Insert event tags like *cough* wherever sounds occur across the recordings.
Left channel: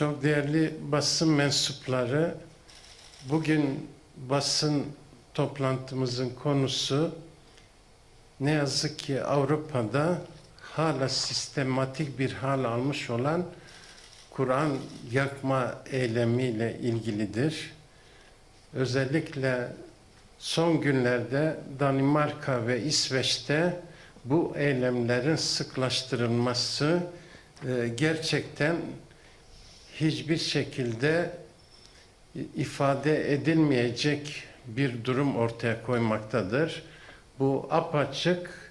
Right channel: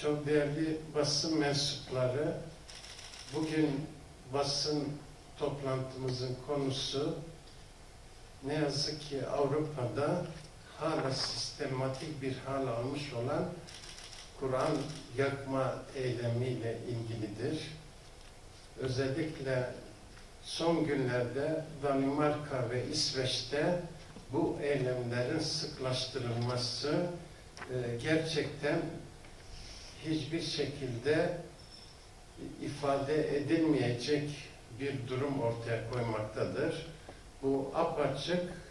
Çok değerli basın mensupları, bugün basın toplantımızın konusu ne yazık ki Avrupa'da hala sistematik bir hal almış olan Kur'an yakma eylemiyle ilgilidir. Özellikle son günlerde Danimarka ve İsveç'te bu eylemlerin sıklaştırılması e, gerçekten hiçbir şekilde ifade edilmeyecek bir durum ortaya koymaktadır. Bu apaçık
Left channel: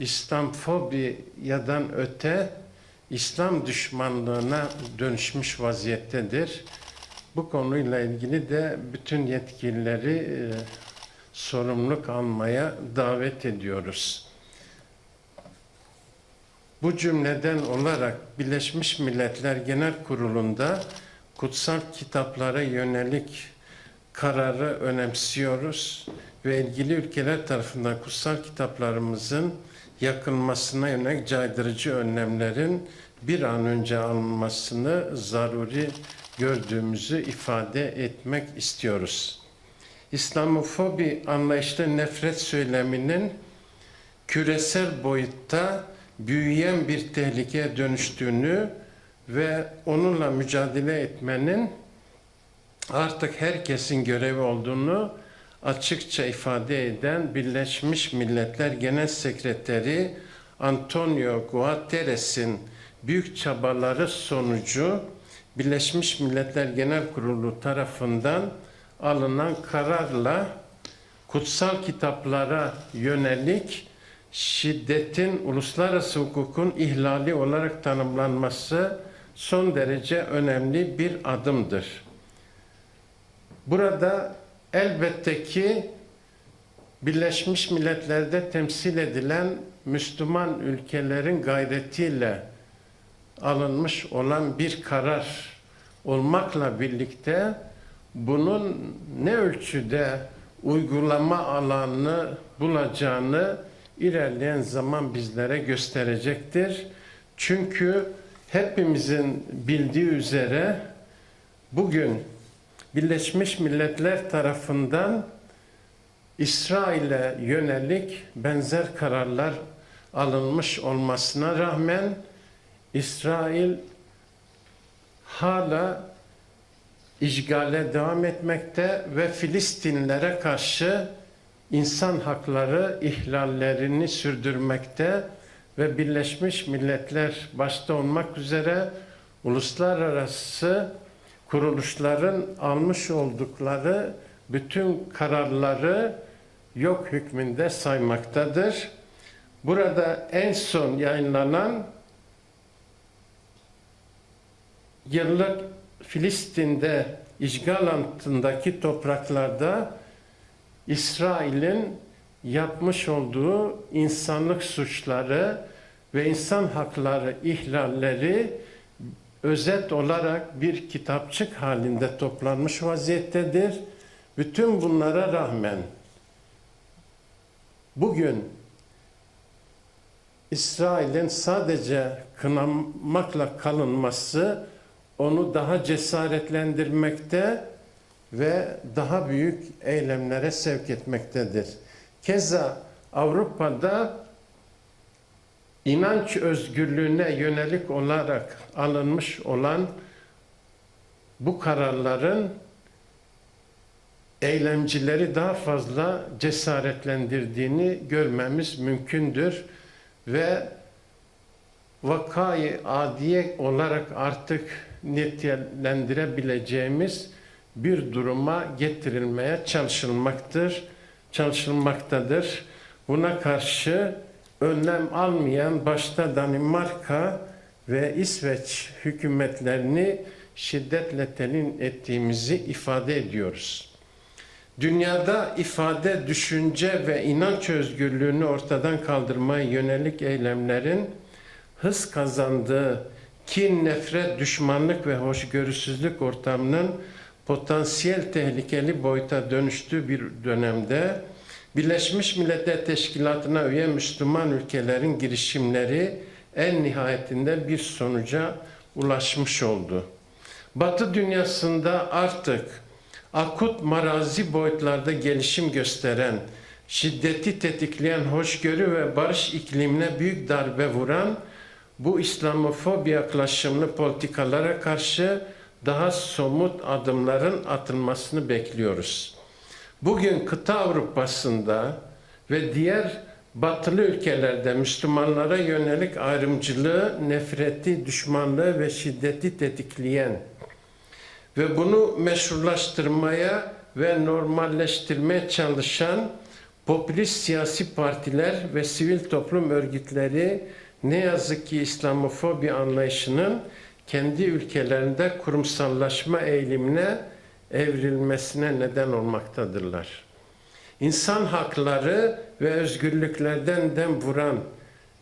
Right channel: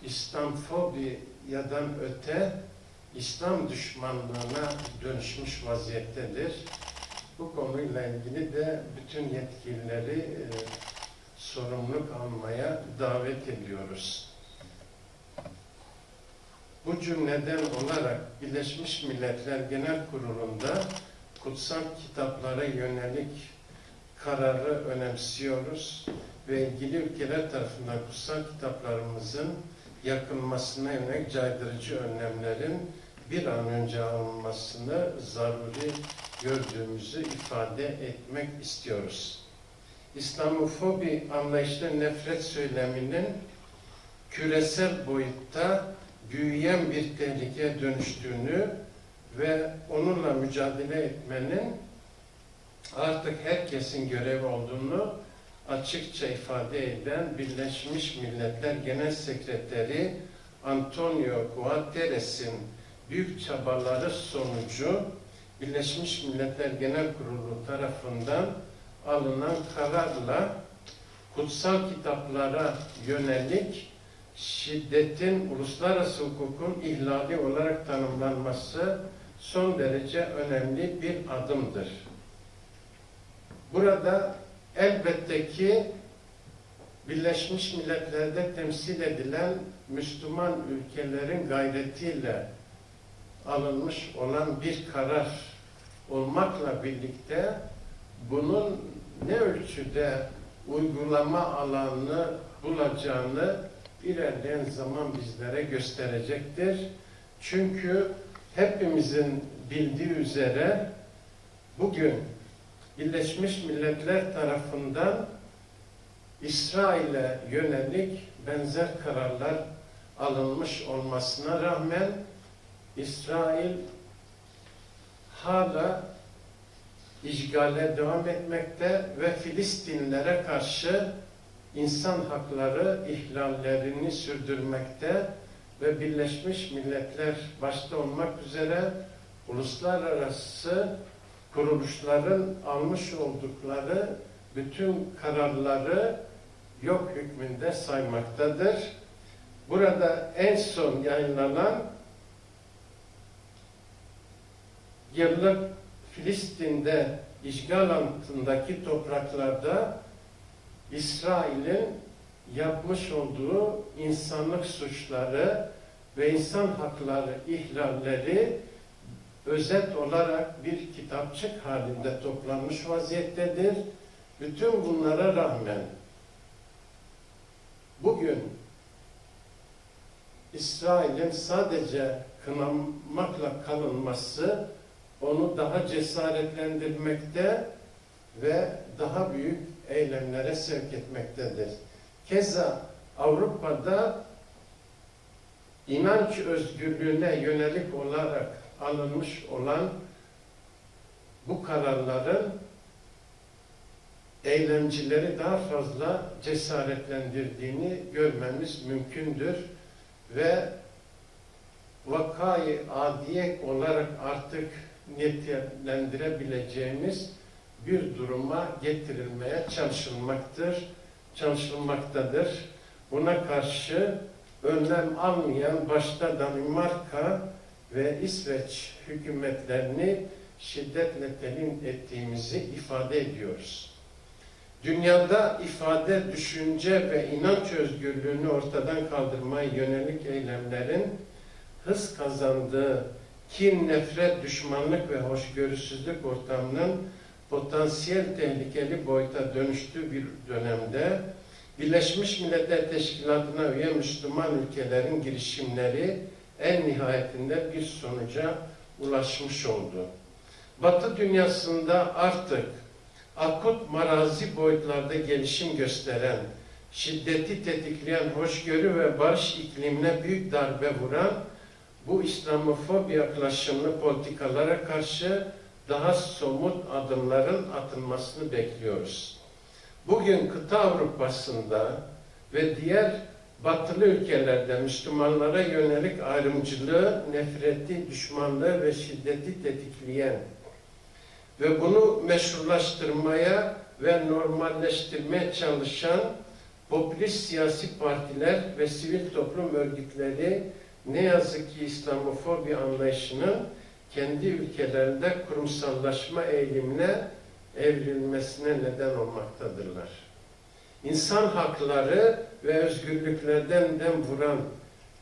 İslamfobi yadan öte İslam düşmanlığına dönüşmüş vaziyettedir. Bu konuyla ilgili de bütün yetkilileri e, sorumluluk almaya davet ediyoruz. Bu cümleden olarak Birleşmiş Milletler Genel Kurulu'nda kutsal kitaplara yönelik kararı önemsiyoruz ve ilgili ülkeler tarafından kutsal kitaplarımızın yakılmasına yönelik caydırıcı önlemlerin bir an önce alınmasını zaruri gördüğümüzü ifade etmek istiyoruz. İslamofobi anlayışta nefret söyleminin küresel boyutta büyüyen bir tehlikeye dönüştüğünü ve onunla mücadele etmenin artık herkesin görevi olduğunu açıkça ifade eden Birleşmiş Milletler Genel Sekreteri Antonio Guterres'in büyük çabaları sonucu Birleşmiş Milletler Genel Kurulu tarafından alınan kararla kutsal kitaplara yönelik şiddetin uluslararası hukukun ihlali olarak tanımlanması son derece önemli bir adımdır. Burada elbette ki Birleşmiş Milletler'de temsil edilen Müslüman ülkelerin gayretiyle alınmış olan bir karar olmakla birlikte bunun ne ölçüde uygulama alanını bulacağını ilerleyen zaman bizlere gösterecektir. Çünkü hepimizin bildiği üzere bugün Birleşmiş Milletler tarafından İsrail'e yönelik benzer kararlar alınmış olmasına rağmen İsrail hala işgale devam etmekte ve Filistinlere karşı insan hakları ihlallerini sürdürmekte ve Birleşmiş Milletler başta olmak üzere uluslararası kuruluşların almış oldukları bütün kararları yok hükmünde saymaktadır. Burada en son yayınlanan yıllık Filistin'de işgal altındaki topraklarda İsrail'in yapmış olduğu insanlık suçları ve insan hakları ihlalleri özet olarak bir kitapçık halinde toplanmış vaziyettedir. Bütün bunlara rağmen bugün İsrail'in sadece kınamakla kalınması onu daha cesaretlendirmekte ve daha büyük eylemlere sevk etmektedir. Keza Avrupa'da inanç özgürlüğüne yönelik olarak alınmış olan bu kararların eylemcileri daha fazla cesaretlendirdiğini görmemiz mümkündür ve vakayı adiye olarak artık nitelendirebileceğimiz bir duruma getirilmeye çalışılmaktır, çalışılmaktadır. Buna karşı önlem almayan başta Danimarka ve İsveç hükümetlerini şiddetle telin ettiğimizi ifade ediyoruz. Dünyada ifade, düşünce ve inanç özgürlüğünü ortadan kaldırmaya yönelik eylemlerin hız kazandığı kin, nefret, düşmanlık ve hoşgörüsüzlük ortamının potansiyel tehlikeli boyuta dönüştüğü bir dönemde Birleşmiş Milletler Teşkilatı'na üye Müslüman ülkelerin girişimleri en nihayetinde bir sonuca ulaşmış oldu. Batı dünyasında artık akut marazi boyutlarda gelişim gösteren, şiddeti tetikleyen hoşgörü ve barış iklimine büyük darbe vuran bu İslamofobi yaklaşımlı politikalara karşı daha somut adımların atılmasını bekliyoruz. Bugün kıta Avrupa'sında ve diğer batılı ülkelerde Müslümanlara yönelik ayrımcılığı, nefreti, düşmanlığı ve şiddeti tetikleyen ve bunu meşrulaştırmaya ve normalleştirmeye çalışan popülist siyasi partiler ve sivil toplum örgütleri ne yazık ki İslamofobi anlayışının kendi ülkelerinde kurumsallaşma eğilimine evrilmesine neden olmaktadırlar. İnsan hakları ve özgürlüklerden dem vuran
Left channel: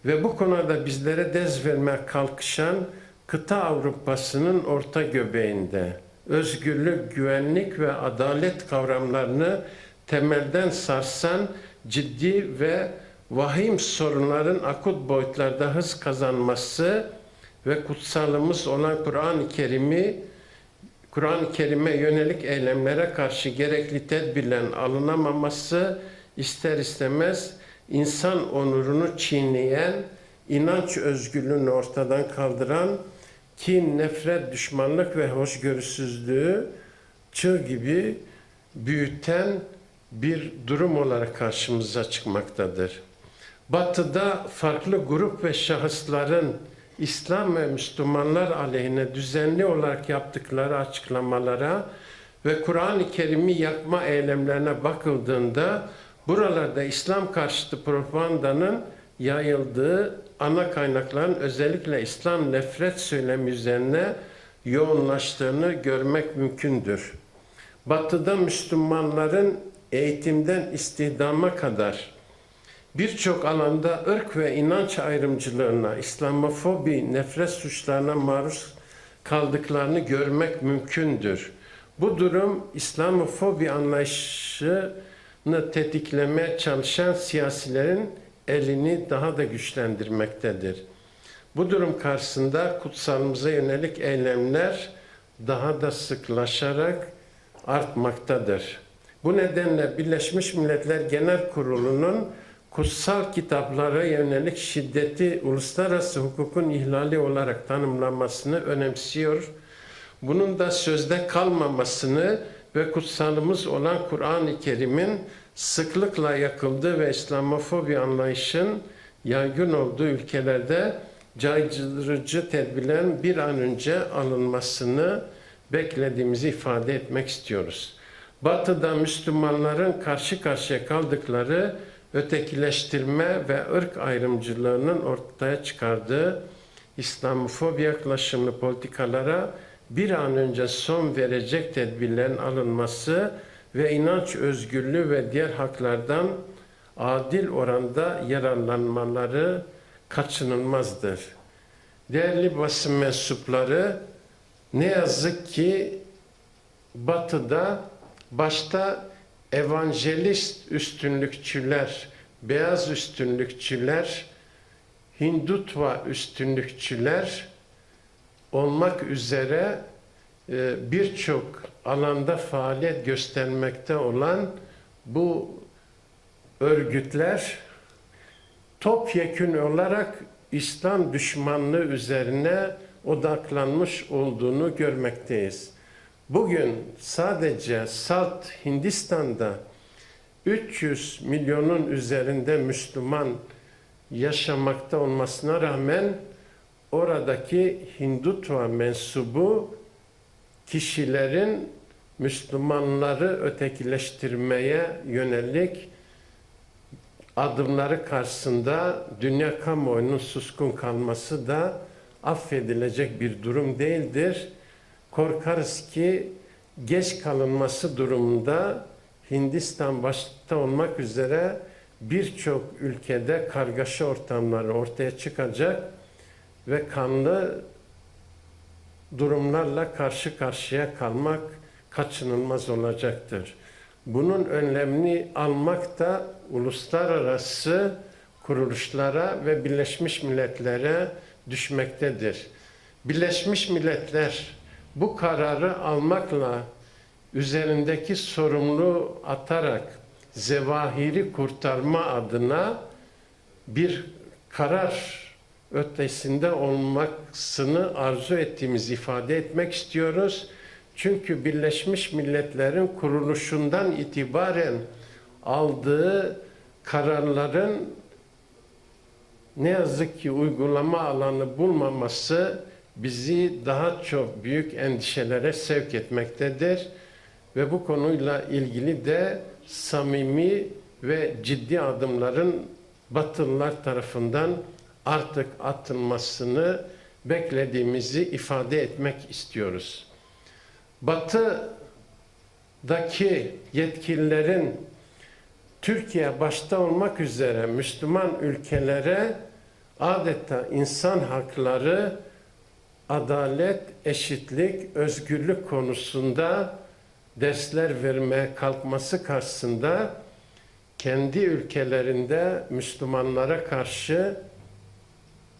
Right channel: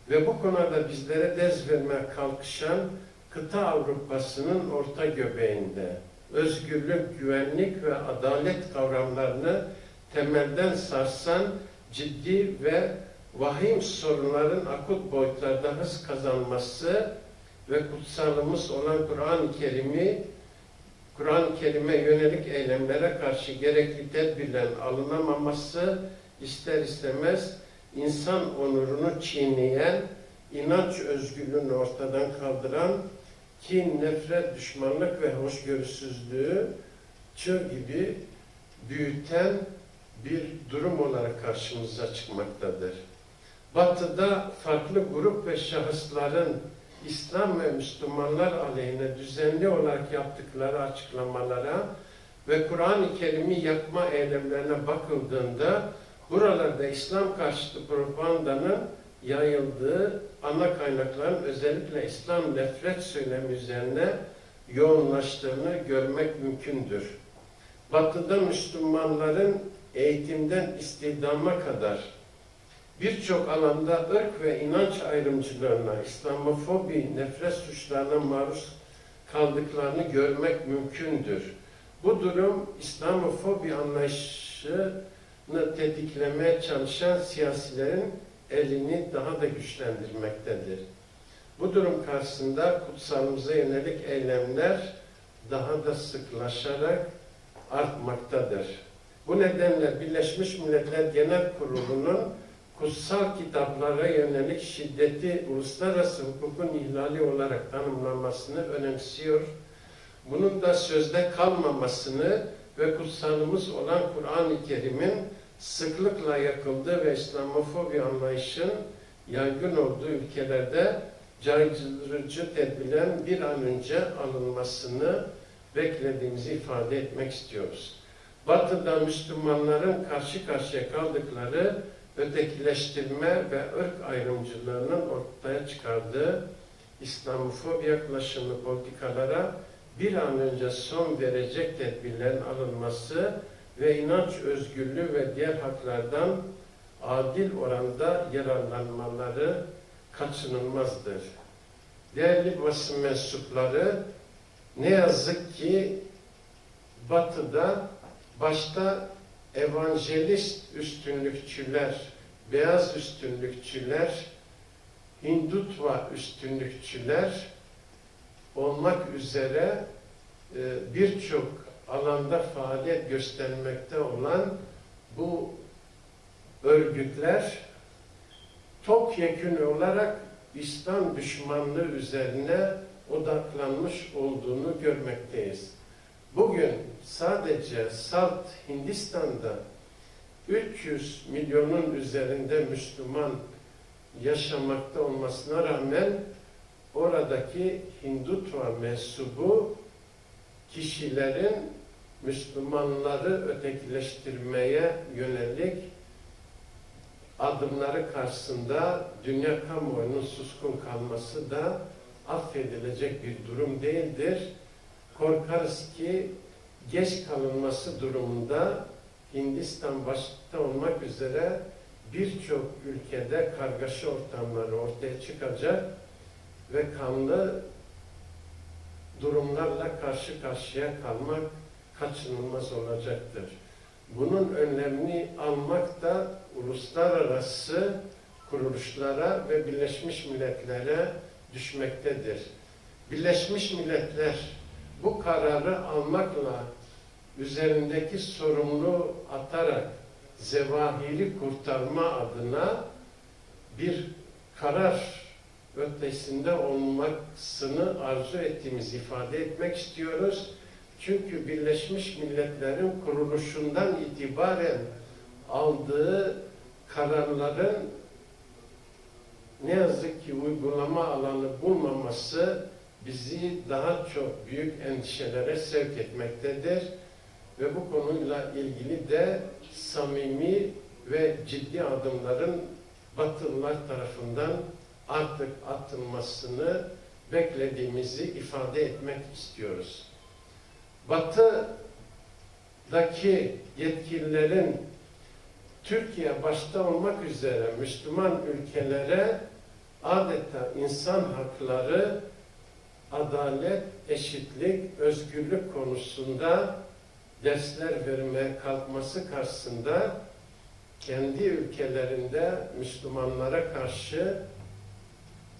ve bu konuda bizlere dez vermeye kalkışan kıta Avrupa'sının orta göbeğinde özgürlük, güvenlik ve adalet kavramlarını temelden sarsan ciddi ve vahim sorunların akut boyutlarda hız kazanması ve kutsalımız olan Kur'an-ı Kerim'i Kur'an-ı Kerim'e yönelik eylemlere karşı gerekli tedbirlerin alınamaması ister istemez insan onurunu çiğneyen, inanç özgürlüğünü ortadan kaldıran, kin, nefret, düşmanlık ve hoşgörüsüzlüğü çığ gibi büyüten bir durum olarak karşımıza çıkmaktadır. Batı'da farklı grup ve şahısların İslam ve Müslümanlar aleyhine düzenli olarak yaptıkları açıklamalara ve Kur'an-ı Kerim'i yakma eylemlerine bakıldığında buralarda İslam karşıtı propagandanın yayıldığı ana kaynakların özellikle İslam nefret söylemi üzerine yoğunlaştığını görmek mümkündür. Batı'da Müslümanların eğitimden istihdama kadar birçok alanda ırk ve inanç ayrımcılığına, İslamofobi, nefret suçlarına maruz kaldıklarını görmek mümkündür. Bu durum İslamofobi anlayışını tetiklemeye çalışan siyasilerin elini daha da güçlendirmektedir. Bu durum karşısında kutsalımıza yönelik eylemler daha da sıklaşarak artmaktadır. Bu nedenle Birleşmiş Milletler Genel Kurulu'nun kutsal kitaplara yönelik şiddeti uluslararası hukukun ihlali olarak tanımlanmasını önemsiyor. Bunun da sözde kalmamasını ve kutsalımız olan Kur'an-ı Kerim'in sıklıkla yakıldığı ve İslamofobi anlayışın yaygın olduğu ülkelerde caydırıcı tedbirlerin bir an önce alınmasını beklediğimizi ifade etmek istiyoruz. Batı'da Müslümanların karşı karşıya kaldıkları ötekileştirme ve ırk ayrımcılığının ortaya çıkardığı İslamofobi yaklaşımlı politikalara bir an önce son verecek tedbirlerin alınması ve inanç özgürlüğü ve diğer haklardan adil oranda yararlanmaları kaçınılmazdır. Değerli basın mensupları ne yazık ki Batı'da başta evangelist üstünlükçüler, beyaz üstünlükçüler, Hindutva üstünlükçüler olmak üzere e, birçok alanda faaliyet göstermekte olan bu örgütler topyekün olarak İslam düşmanlığı üzerine odaklanmış olduğunu görmekteyiz. Bugün sadece Salt Hindistan'da 300 milyonun üzerinde Müslüman yaşamakta olmasına rağmen oradaki Hindutva mensubu kişilerin Müslümanları ötekileştirmeye yönelik adımları karşısında dünya kamuoyunun suskun kalması da affedilecek bir durum değildir. Korkarız ki geç kalınması durumunda Hindistan başta olmak üzere birçok ülkede kargaşa ortamları ortaya çıkacak ve kanlı durumlarla karşı karşıya kalmak kaçınılmaz olacaktır. Bunun önlemini almak da uluslararası kuruluşlara ve Birleşmiş Milletler'e düşmektedir. Birleşmiş Milletler bu kararı almakla üzerindeki sorumluluğu atarak zevahiri kurtarma adına bir karar ötesinde olmasını arzu ettiğimizi ifade etmek istiyoruz. Çünkü Birleşmiş Milletler'in kuruluşundan itibaren aldığı kararların ne yazık ki uygulama alanı bulmaması bizi daha çok büyük endişelere sevk etmektedir. Ve bu konuyla ilgili de samimi ve ciddi adımların Batılılar tarafından artık atılmasını beklediğimizi ifade etmek istiyoruz. Batı'daki yetkililerin Türkiye başta olmak üzere Müslüman ülkelere adeta insan hakları, adalet, eşitlik, özgürlük konusunda dersler vermeye kalkması karşısında kendi ülkelerinde Müslümanlara karşı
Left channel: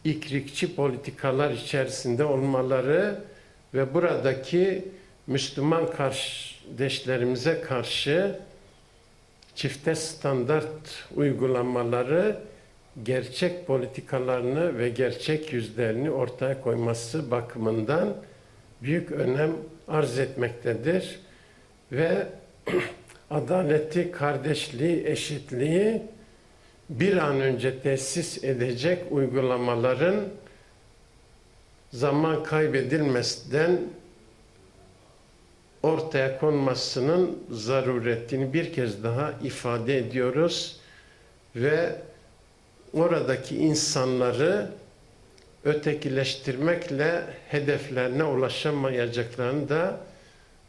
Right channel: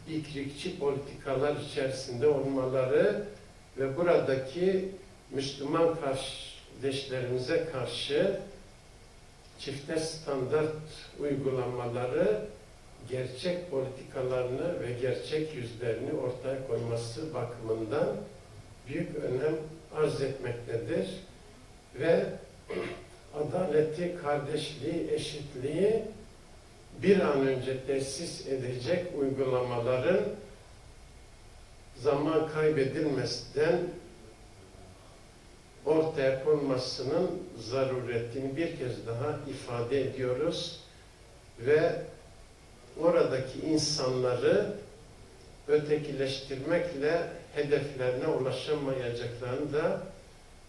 ikrikçi politikalar içerisinde olmaları ve buradaki Müslüman kardeşlerimize karşı çifte standart uygulamaları gerçek politikalarını ve gerçek yüzlerini ortaya koyması bakımından büyük önem arz etmektedir ve *clears throat* adaleti, kardeşliği, eşitliği bir an önce tesis edecek uygulamaların zaman kaybedilmesinden ortaya konmasının zaruretini bir kez daha ifade ediyoruz ve oradaki insanları ötekileştirmekle hedeflerine ulaşamayacaklarını da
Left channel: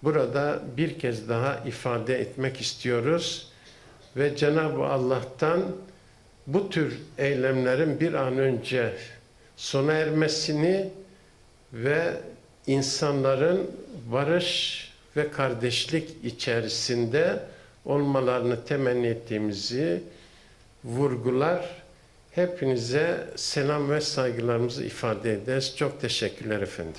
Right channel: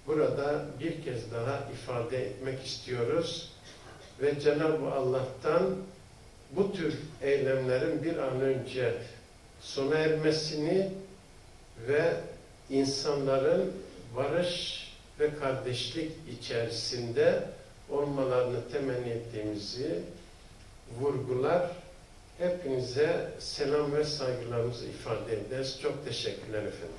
burada bir kez daha ifade etmek istiyoruz ve Cenab-ı Allah'tan bu tür eylemlerin bir an önce sona ermesini ve insanların barış ve kardeşlik içerisinde olmalarını temenni ettiğimizi vurgular. Hepinize selam ve saygılarımızı ifade ederiz. Çok teşekkürler efendim.